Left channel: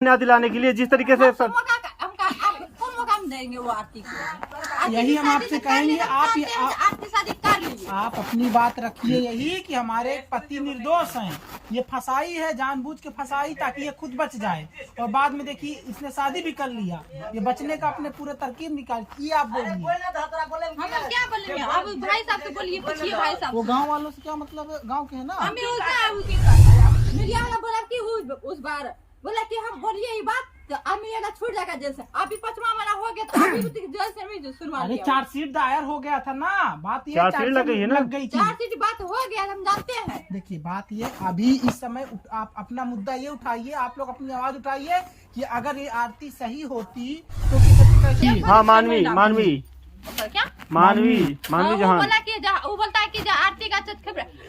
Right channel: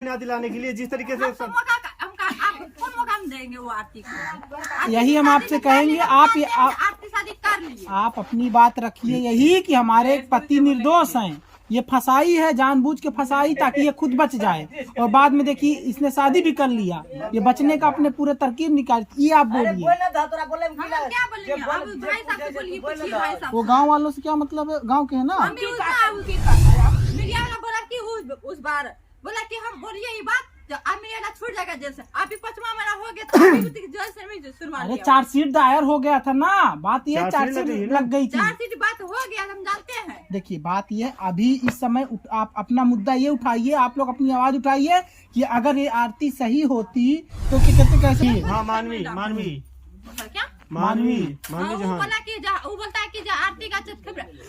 न्याय दिलाने के लिए जिस तरीके से कौन मौका हम देंगे वो आरती को? यही हम आपसे कहेंगे, आपकी शादी कर लीजिए। आप अपनी बात रखिए यही कि हमारे पति निर्दोष हैं, ये फसाई है, जानबूझ के फसाई ताकि ये खुद बच जाए, और बाद में देखिए इसने शादी भी कर लिया, ये बचने का अपने पूरे तरकीब निकाल। ये आप बोलिए, हम क्या बोलेंगे? अब भाई साहब से बोलिए, पूछिए भाई साहब। वो गांव वालों से क्या मतलब है? गांव के है ना। मीडिया वाला बोला कि उस बार बोला कि हम बोलिए ये बात तो अमीर छूट जाएगा जेल से। अभी 5वां महीना हो गया तो अभी जेल से भी सुनवा लिया। चार्जशीट दायर हो गया था ना, बात ये चार्जशीट लग गई थी। चार्जशीट बात हो गया, हम जानते हैं। देखिए बात ये, अभी इस समय आप अपना मुद्दा ये उठाइए, आप लोग अपनी आवाज उठाइए कि अगर ये आरती सही होती तो कैसे। हाँ मानवी क्या मानवी वो बोला कि वो बोलता है कि आरती का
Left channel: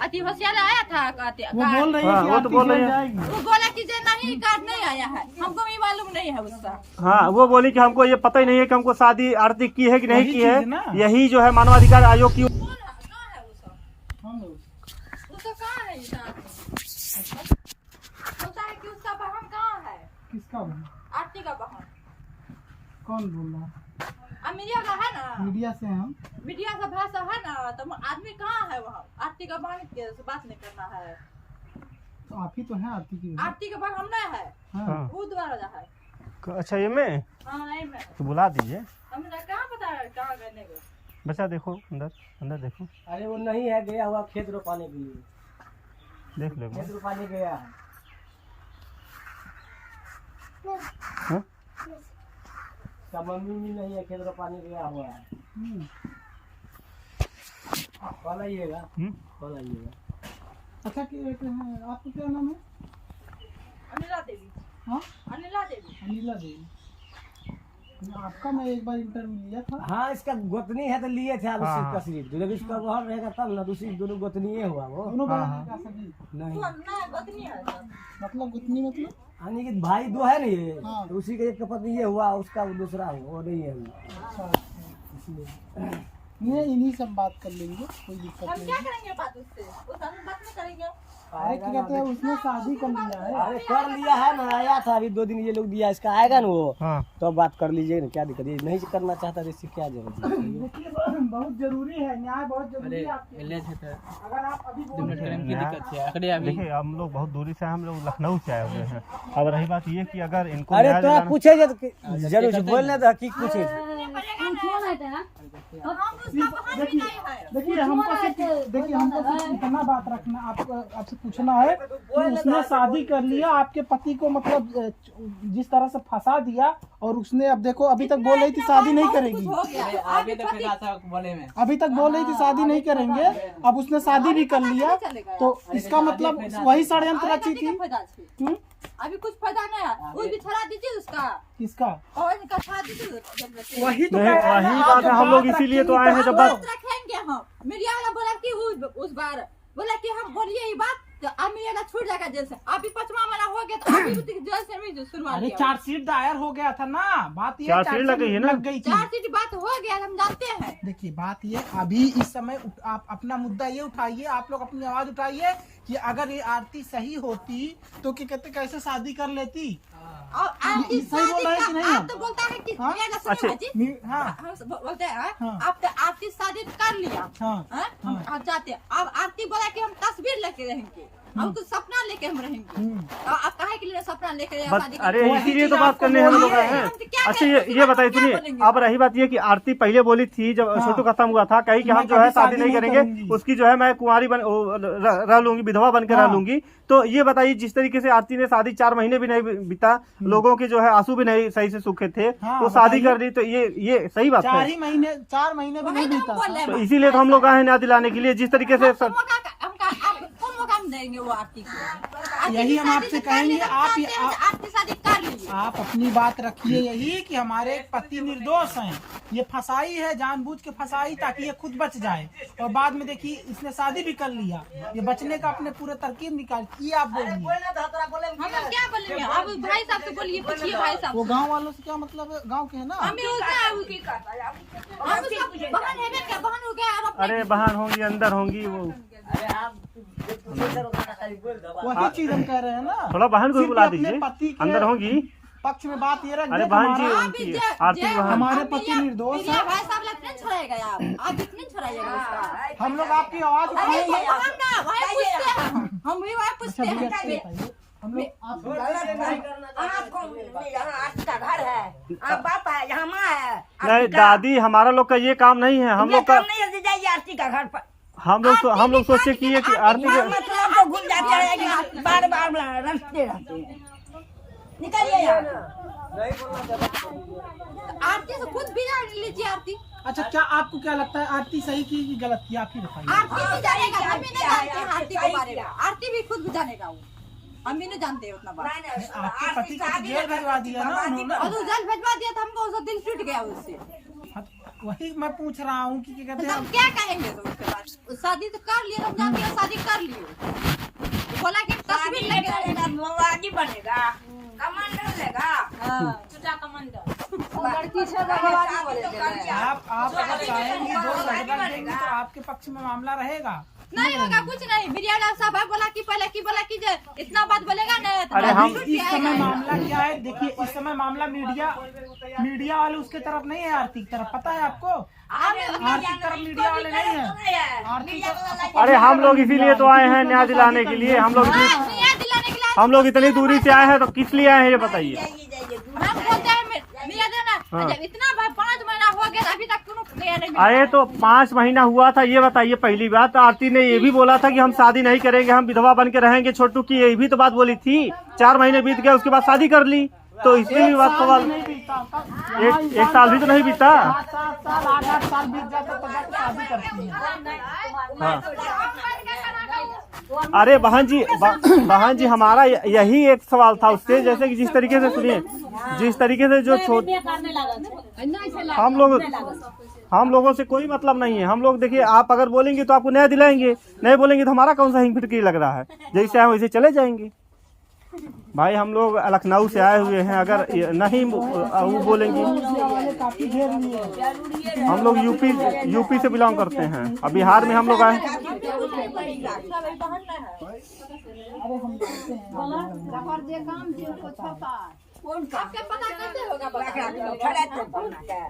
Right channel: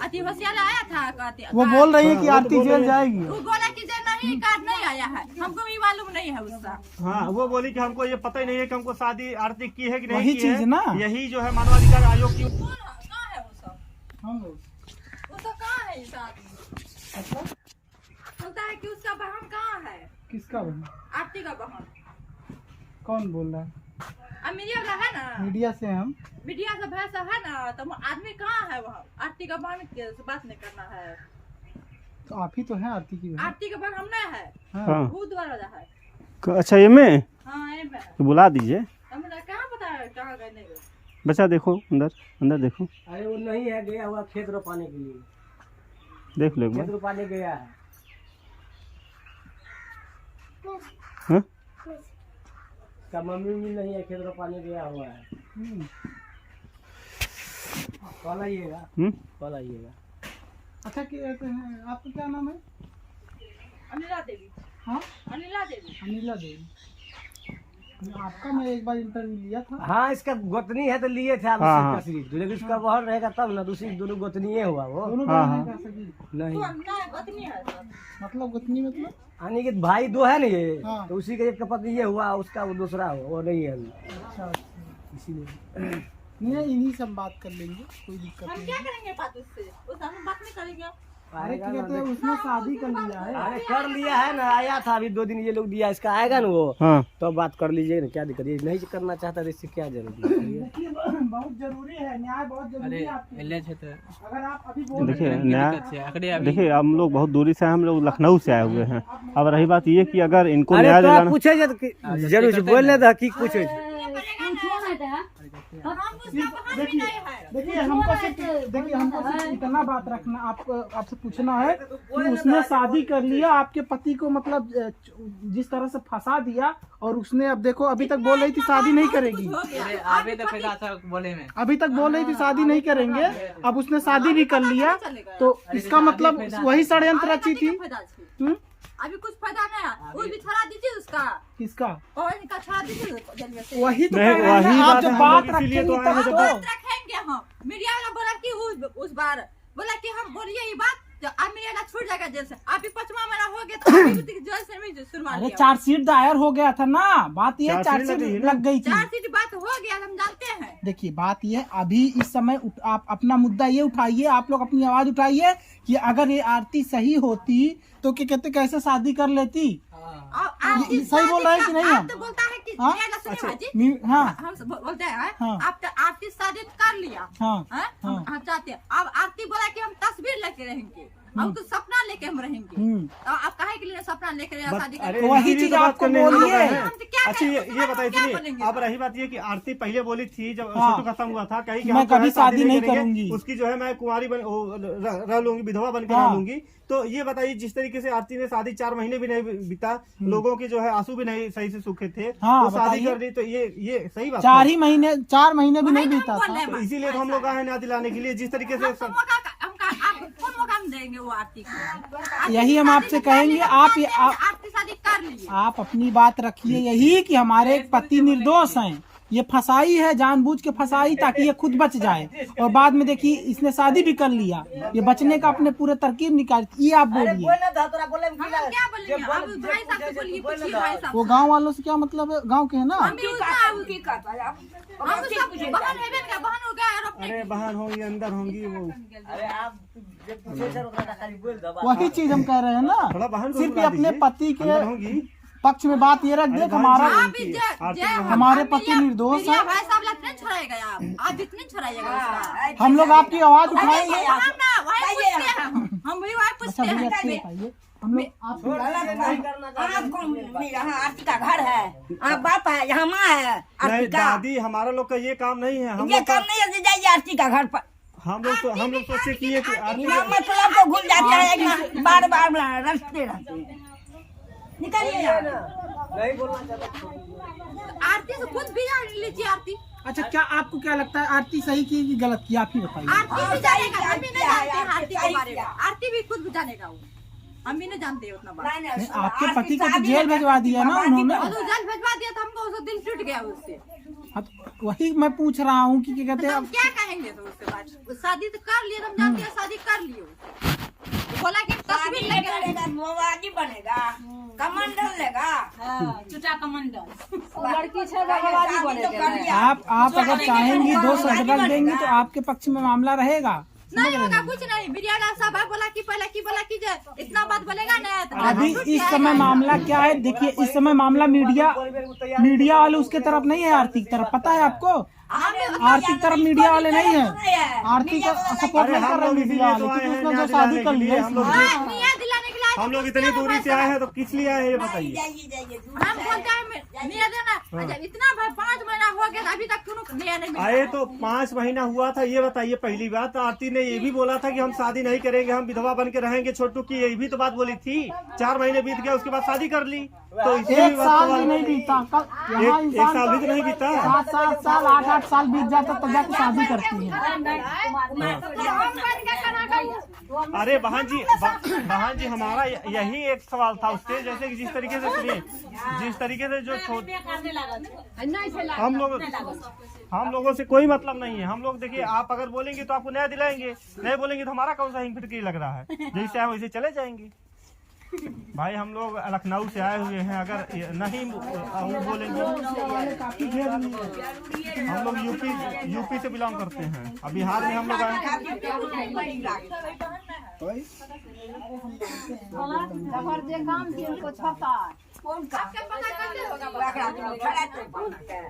अति होशियार आया था, वो बोल रही है कि आरती जल जाएगी। वो बोला कि नहीं कार्ड नहीं आया है, हमको भी मालूम नहीं है उसका। हाँ वो बोली कि हमको ये पता ही नहीं है कि हमको शादी आरती की है कि नहीं की है। यही जो है मानवाधिकार आयोग की बोलता है कि उसका बहन कहाँ है। किसका बहन? आरती का बहन। कौन बोल रहा है? मीडिया का है ना, मीडिया से हम मीडिया का भाषा है ना, तो आदमी कहाँ है वहाँ? आरती का बहन के बात नहीं करना है। तो आप ही तो है आरती की बहन। आरती का बहन हम नहीं है। हाँ। वो दोबारा है। अच्छा ये में हाँ तो बुला दीजिए। हमें कहाँ पता है कहाँ गए। बच्चा देखो अंदर देखो। अरे वो नहीं है, गया हुआ खेत रोपाने के लिए। देख लो खेत रोपाने गया है। क्या मम्मी भी नहीं है, खेत रोपाने गया हुआ है। कल आइएगा, कल आइएगा। अच्छा कहते हैं, आपका क्या नाम है? अनिला देवी। हाँ अनिला देवी। अनिला देवी। आपका मैं एक बार इंटरव्यू लिया था। हाँ इसका गोतनी है तो लिए थे आप हाँ। इसका सिर्फ, लेकिन उसका बहन रहेगा तब ना, दूसरी दोनों गोतनी हुआ वो। दोनों बहन का सगी नहीं मतलब गोतनी मतलब यानी कि भाई दो है ना ये, हाँ। तो उसी का एक का पति ये हुआ, उसका वो दूसरा हुआ, वो नहीं है अभी। अच्छा इसीलिए नहीं, इन्हीं से हम बात कर लेंगे, कोई दिक्कत हम नहीं। क्या करेंगे बात उससे? उससे हम बात नहीं करेंगे। अरे क्या कहते हैं, उसने शादी कर लिया है। अरे कर लिया है ना, आया था अभी 2 दिन ये लोग दिया, इसका आएगा ना वो, हाँ। तो बात कर लीजिए ना, क्या दिक्कत है? नहीं करना चाहता तो इससे क्या जरूरत है? देखिए बहुत जरूरी है, न्याय बहुत जरूरी है आपके लिए। अगर आप अभी बोल देखिए हम लोग बहुत दूरी से, हम लोग लखनऊ से आए हुए हैं। अब रही बात ये कि अगर इनको अरे न्याय तो आप दिलाना पूछे जरूर बोलने था कि पूछे। देखिए हमको सिर्फ इतना बात रखना, आपसे पूछना है कि उसने शादी कर लिया, आपके पति को मतलब जिस तरह से फंसा दिया, और उसने अब देखो अभी तक बोल रही थी शादी नहीं करेगी, अभी तक बोल रही थी शादी नहीं करेंगे, अब उसने शादी भी कर लिया, तो इसका मतलब वही षड्यंत्र रची थी। अभी कुछ फायदा नहीं है, वो भी छड़ा दीजिए उसका। किसका? और इनका छड़ा दीजिए। वही तो नहीं, कह रहे हैं वही ना, बात आप है, जो हम लोग बात इसीलिए तो आए हैं। जब बात रखेंगे हम, मीडिया वाला बोला कि उस बार बोला कि हम बोलिए ये बात तो अमीर छूट जाएगा जेल से। अभी 5वां महीना हो गया तो अभी जेल से भी सुनवा लिया। चार्जशीट दायर हो गया था ना, बात ये चार्जशीट लग गई थी। चार्जशीट बात हो गया, हम जानते हैं। देखिए बात ये, अभी इस समय आप अपना मुद्दा ये उठाइए, आप लोग अपनी आवाज उठाइए कि अगर ये आरती सही होती तो क्या कहते कैसे शादी कर लेती। सही बोल रहे हैं कि नहीं? आप तो बोलता है कि हाँ बोलते हैं हाँ। आप तो आरती शादी कर लिया। हाँ हम चाहते हैं, अब आरती बोला कि हम तस्वीर लेके रहेंगे, अब तो सपना लेके हम रहेंगे। आप काहे के लिए सपना लेके शादी? अरे इसीलिए तो बात करने हम लोग आए हैं। अच्छा ये बताइए, सुनिए, अब रही बात ये कि आरती पहले बोली थी जब छोटू खत्म हुआ था, कही कि हम जो है शादी नहीं करेंगे, उसकी जो है मैं कुंवारी रह लूंगी, विधवा बन के रह लूंगी। तो ये बताइए, जिस तरीके से आरती ने शादी 4 महीने भी नहीं बीता, लोगों के जो है आंसू भी नहीं सही से सूखे थे, तो शादी कर दी, तो ये सही बात है? 4 महीने भी नहीं बीता, तो इसीलिए तो हम लोग आए हैं न्याय दिलाने के लिए, जिस तरीके से कौन मौका हम देंगे वो आरती को? यही हम आपसे कहेंगे, आपकी शादी कर लीजिए। आप अपनी बात रखिए यही कि हमारे पति निर्दोष हैं, ये फसाई है, जानबूझ के फसाई ताकि ये खुद बच जाए, और बाद में देखिए इसने शादी भी कर लिया, ये बचने का अपने पूरे तरकीब निकाल। ये आप बोलिए, हम क्या बोलेंगे? अब भाई साहब से बोलिए, पूछिए भाई साहब। वो गांव वालों से क्या मतलब है? गांव के है ना। अरे बहन होंगी, अंदर होंगी वो। अरे आप वही चीज हम कह रहे हैं ना, थोड़ा बहन को बुला दीजिए, पति के अंदर होंगी। पक्ष में बात ये रख अरे दे बहन जी, हमारा आप भी आरती बहन। हमारे पति निर्दोष है। भाई साहब लगते छोड़ाएगा आप इतने छोड़ाइएगा उसका। हम लोग आपकी आवाज उठाएंगे। हम ना वही पूछते हैं, हम भी वही पूछते अच्छा भैया हैं। बताइए, हम लोग आपको यहाँ आरती का घर है, आप बाप है, यहाँ माँ है। नहीं दादी, हमारा लोग का ये काम नहीं है। हम ये लोग का काम नहीं है, जाइए आरती का घर पर। हम लोग सोचे कि ये कि आरती मतलब को घूम जाते हैं, बार बार रखते रहते हैं। निकलिए यहाँ। आरती से खुद भी जान लीजिए आरती। अच्छा, क्या आपको क्या लगता है आरती सही की कि गलत की, आप ही बताइए। आरती भी जानेगा, हम भी नहीं जानते हैं आरती के बारे में। आरती भी खुद भी जानेगा वो, हम भी नहीं जानते उतना बात। नहीं, आपके पति को तो जेल भिजवा दिया ना उन्होंने। और तो जल भिजवा दिया था हमको, उसका दिल टूट गया उससे। हाँ, तो वही मैं पूछ रहा हूँ कि क्या कहते तो हम हैं। क्या कहेंगे तो उसके बाद? शादी तो कर लिए, हम जानते हैं शादी कर लिए। बोला कि तस्वीर लगे आगे बनेगा, कमांडर लेगा, चुटा कमांडर। लड़की से आप अगर चाहेंगी 2 सर्टिफिकेट देंगी तो आपके पक्ष में मामला रहेगा। नहीं होगा कुछ नहीं। मीडिया साहब बोला कि इतना बात बोलेगा नहीं तो अरे बात हम टूट इस समय जाएगा। मामला क्या है, देखिए इस समय मामला मीडिया वाले उसके तरफ नहीं है, आरती की तरफ। पता है आपको, आरती की तरफ मीडिया वाले नहीं है। आरती का support अरे हम लोग इसीलिए तो आए हैं, न्याय दिलाने के लिए। हम लोग न्याय दिलाने के लिए हम लोग इतनी दूरी से आए हैं, तो किस लिए आए हैं ये बताइए। हम बोलते हैं न्याय देना। जब इतना भाई 5 महीना हो गया अभी तक क्यों न्याय नहीं मिला? आए तो 5 महीना हुआ था, ये बताइए। पहली बात आरती ने ये भी बोला था कि हम शादी नहीं करेंगे, हम विधवा बन के रहेंगे। छोटू की ये भी तो बात बोली थी। 4 महीने बीत गए, उसके बाद शादी कर ली। तो इसी बात सवाल, नहीं बीता, एक साल भी तो नहीं बीता। 7 साल 8 साल बीत जाता तब जाके शादी करती है। हाँ। अरे बहन जी हमारा यही एक सवाल था उससे, जैसे कि जिस तरीके से सुनिए, जिस तरीके से जो हम लोगों से कोई मतलब नहीं है। हम लोग देखिए, आप अगर बोलेंगे तो आपको न्याय दिलाएंगे, नहीं बोलेंगे तो हमारा कौन सा हिंग फिटकी लग रहा है। जैसे हम वैसे चले जाएंगे। भाई हम लोग लखनऊ से आए हुए हैं, अगर नहीं वो बोलेंगे। हम लोग यूपी से बिलोंग करते हैं। अब बिहार में हम लोग आए।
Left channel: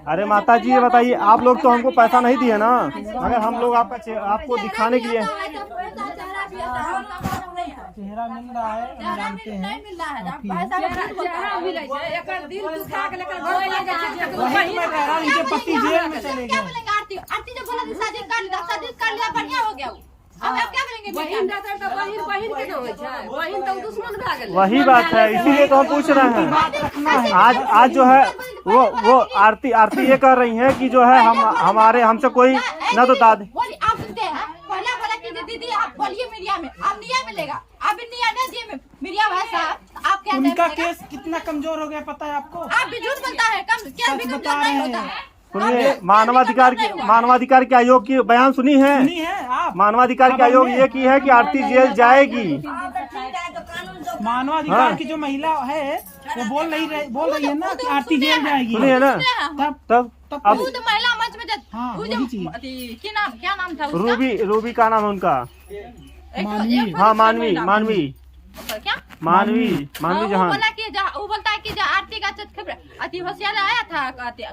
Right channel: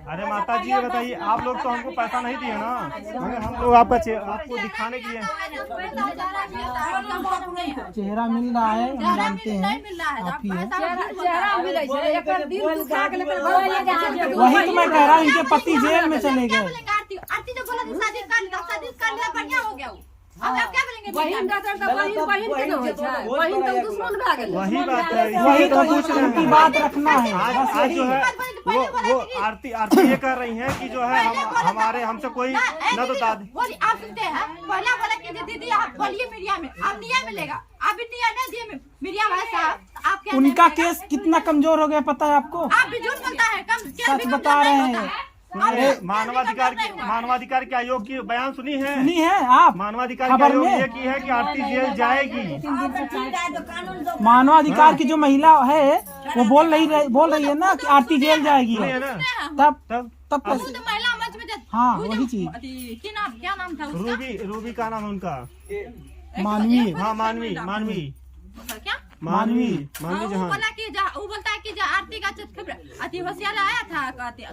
अरे माता जी ये बताइए, आप लोग तो हमको पैसा नहीं दिए ना, मगर हम लोग आपको दिखाने के लिए। चेहरा मिल रहा है, हम जानते हैं आप ही हैं। वही तो मैं कह रहा हूँ, उनके पति जेल में चले गए। आरती जो बोला शादी कर लिया बढ़िया हो गया। अब आप क्या करेंगे? वही बात है, इसीलिए तो हम पूछ रहे हैं। आज जो है वो आरती ये कह रही है कि जो है हमसे कोई न तो दादी। बोली आप सुनते हैं, पहला बोला कि दीदी आप बोलिए मीडिया में, अब न्याय मिलेगा। अब न्याय नहीं दिए मीडिया भाई साहब, आप क्या उनका केस कितना कमजोर हो गया पता है आपको? आप भी झूठ बोलता है, कम क्या भी बता कमजोर रहे नहीं हैं। होता है। सुनिए, मानवाधिकार के आयोग की बयान सुनी है? सुनी है आप? मानवाधिकार के आयोग ये की है कि आरती जेल जाएगी। मानवाधिकार की जो महिला है वो बोल रही है ना कि आरती जेल जाएगी। सुनिए ना, तब खुद महिला मंच में हाँ, वही चीज। क्या नाम था उसका? रूबी का नाम है उनका। मानवी। हाँ मानवी क्या मानवी जहाँ वो बोलता है कि आरती का अति होशियार आया था।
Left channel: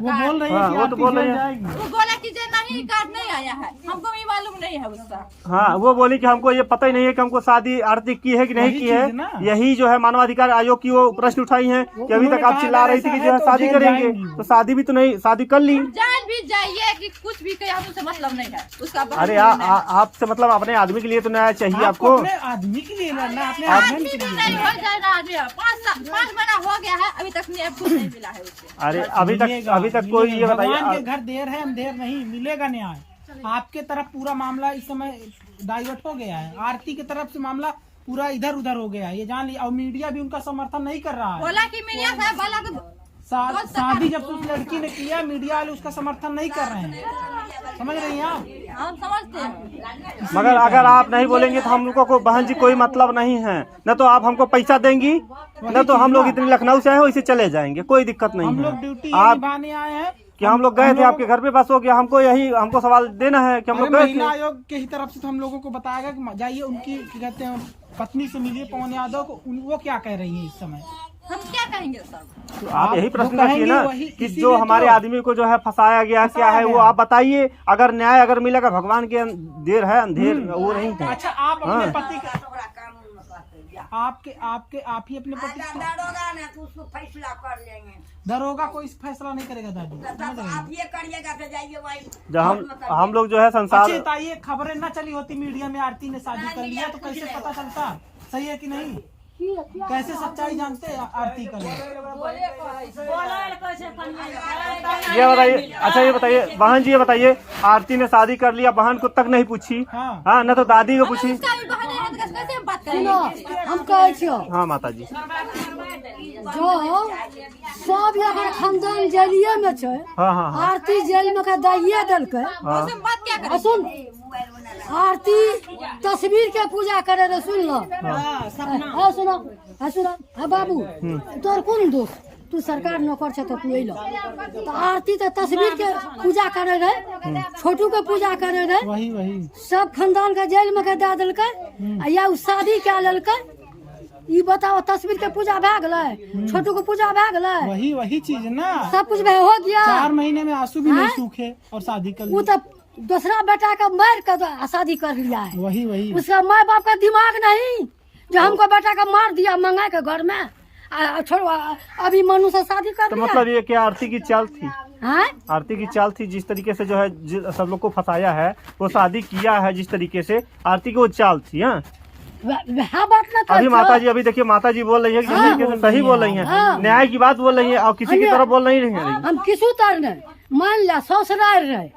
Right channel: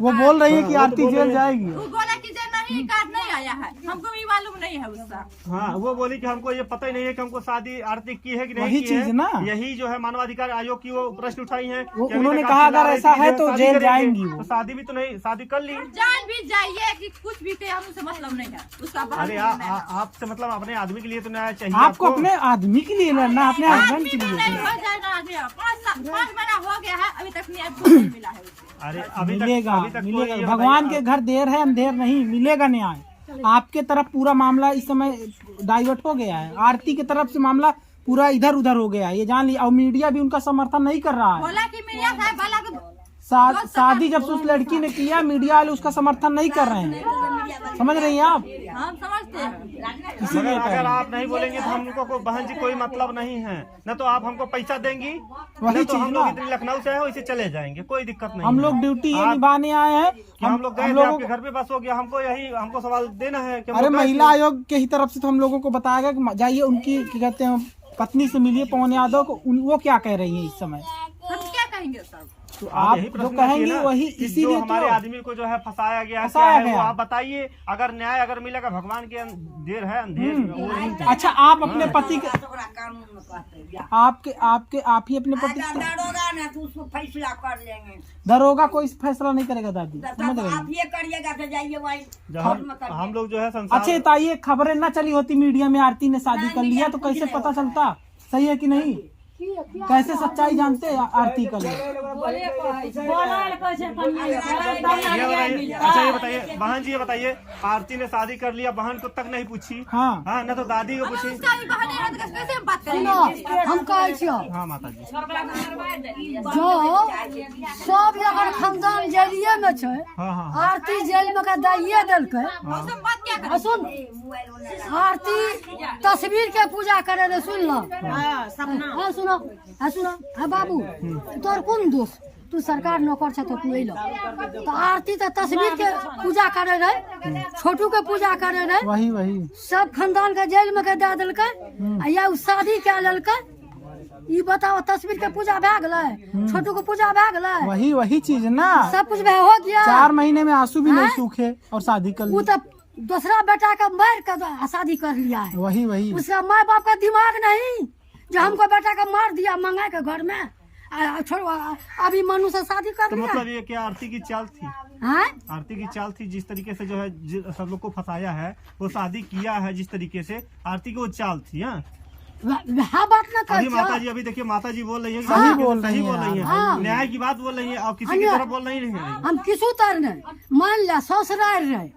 वो बोल रही है हाँ, कि वो तो आरती बोल जेल रही है। जाएगी। वो बोला कि नहीं कार्ड नहीं आया है, हमको भी मालूम नहीं है उसका। हाँ, वो बोली कि हमको ये पता ही नहीं है कि हमको शादी आरती की है कि नहीं वही की चीज है ना। यही जो है मानवाधिकार आयोग की वो प्रश्न उठाई है कि अभी उन्होंने तक आप कहा चिल्ला अगर रही थी ऐसा कि है जो है तो शादी जेल करेंगे, जाएंगी वो। तो शादी भी तो नहीं, शादी कर ली। जान भी जाइए कि कुछ भी कहे, हमसे मतलब नहीं है उसका। अरे आपसे मतलब अपने आदमी के लिए तो न्याय चाहिए आपको आपको। अपने आदमी के लिए लड़ना, अपने आदमी हस्बैंड के भी लिए। नहीं हो जाए ना आदमी। 5 महीना हो गया है, अभी तक न्याय कुछ नहीं मिला है उससे। अरे अभी तक कोई ये भगवान के घर देर है अंधेर नहीं, मिलेगा न्याय। आपके तरफ पूरा मामला इस समय डाइवर्ट हो गया है, आरती की तरफ से मामला पूरा इधर उधर हो गया है, ये जान ली। और मीडिया भी उनका समर्थन नहीं कर रहा है। बोला कि मीडिया साहब बोला शादी जब से उस लड़की ने किया, मीडिया वाले उसका समर्थन नहीं कर रहे हैं। समझ रही हैं आप? हम समझते हैं। मगर अगर आप नहीं बोलेंगे तो हम लोगों को बहन जी कोई मतलब नहीं है। न तो आप हमको पैसा देंगी, न तो हम लोग इतने लखनऊ से आए हो इसे चले जाएंगे, कोई दिक्कत नहीं हम है। लोग ड्यूटी ये निभाने आए हैं कि हम लोग गए थे आपके घर पे, बस हो गया। हमको सवाल देना है कि हम अरे लोग गए थे। महिला आयोग के ही तरफ से तो हम लोगों को बताया गया कि जाइए उनकी क्या कहते हैं पत्नी से मिलिए, पवन यादव को। वो क्या कह रही है इस समय? हम क्या कहेंगे सब? तो आप यही जो प्रश्न कहेंगे रखिए ना वही, कि इसीलिए जो तो- हमारे आदमी को जो है फंसाया गया है, क्या फंसाया है वो गया। आप बताइए। अगर न्याय अगर मिलेगा, भगवान के देर है, अंधेर वो नहीं है। अच्छा, आप अपने हाँ। पति के आप ही अपने पति दारोगा ना तो उसको फैसला कर लेंगे। दरोगा कोई फैसला नहीं करेगा दादी, समझ तो आप गई? ये करिएगा तो जाइए वही जब हम लोग जो है संसार अच्छा तो ये खबरें ना चली होती मीडिया में, आरती ने शादी कर लिया, तो कैसे पता चलता सही है कि नहीं? कैसे सच्चाई जानते हैं आरती का लोग? ये बताइए। अच्छा ये बताइए बहन जी, ये बताइए आरती ने शादी कर लिया, बहन को तक नहीं पूछी। हाँ। हाँ, न तो दादी को पूछी। उसका भी बहन है तो कैसे हम बात करेंगे? हम कहै छियो हाँ माता जी, जो सब अगर खानदान जेलिये में छै, हाँ हाँ हाँ आरती जेल में का दाइये देलकै। उससे हम बात क्या आ करें? सुन, आरती तस्वीर के पूजा करे रे, सुन लो। हाँ सुनो, हाँ सुनो, हाँ बाबू तोर कौन दोष? तू सरकार नौकर छ तो तू अइलो। तो आरती तो तस्वीर के पूजा करे रहे, छोटू के पूजा करे रहे, वही सब खानदान के जेल में के दे देलकै, आ या उ शादी कए लेलकै। ई बताओ, तस्वीर के पूजा भए गेलै, छोटू के पूजा भए गेलै, वही चीज ना। सब कुछ हो गया। 4 महीने में आंसू भी नहीं हाँ? सूखे और शादी कर वो ली। तो दूसरा बेटा का मार कर शादी कर लिया है। वही उसका माँ बाप का दिमाग नहीं जो हमको बेटा का मार दिया मंगा के घर में, छोड़ो अभी मनु से शादी कर तो लिया। मतलब ये क्या आरती की चाल थी? हाँ? आरती की चाल थी, जिस तरीके से जो है सब लोग को फंसाया है, वो शादी किया है जिस तरीके से, आरती की वो चाल थी। हाँ, वह बात ना अभी कर माता जी, अभी देखिए माता जी बोल रही है कि हाँ, सही बोल रही है, हाँ। न्याय की बात बोल रही है और किसी की अन्य- तरफ बोल नहीं रही है। हम किसू तर नहीं मान लिया ससुराल रहे,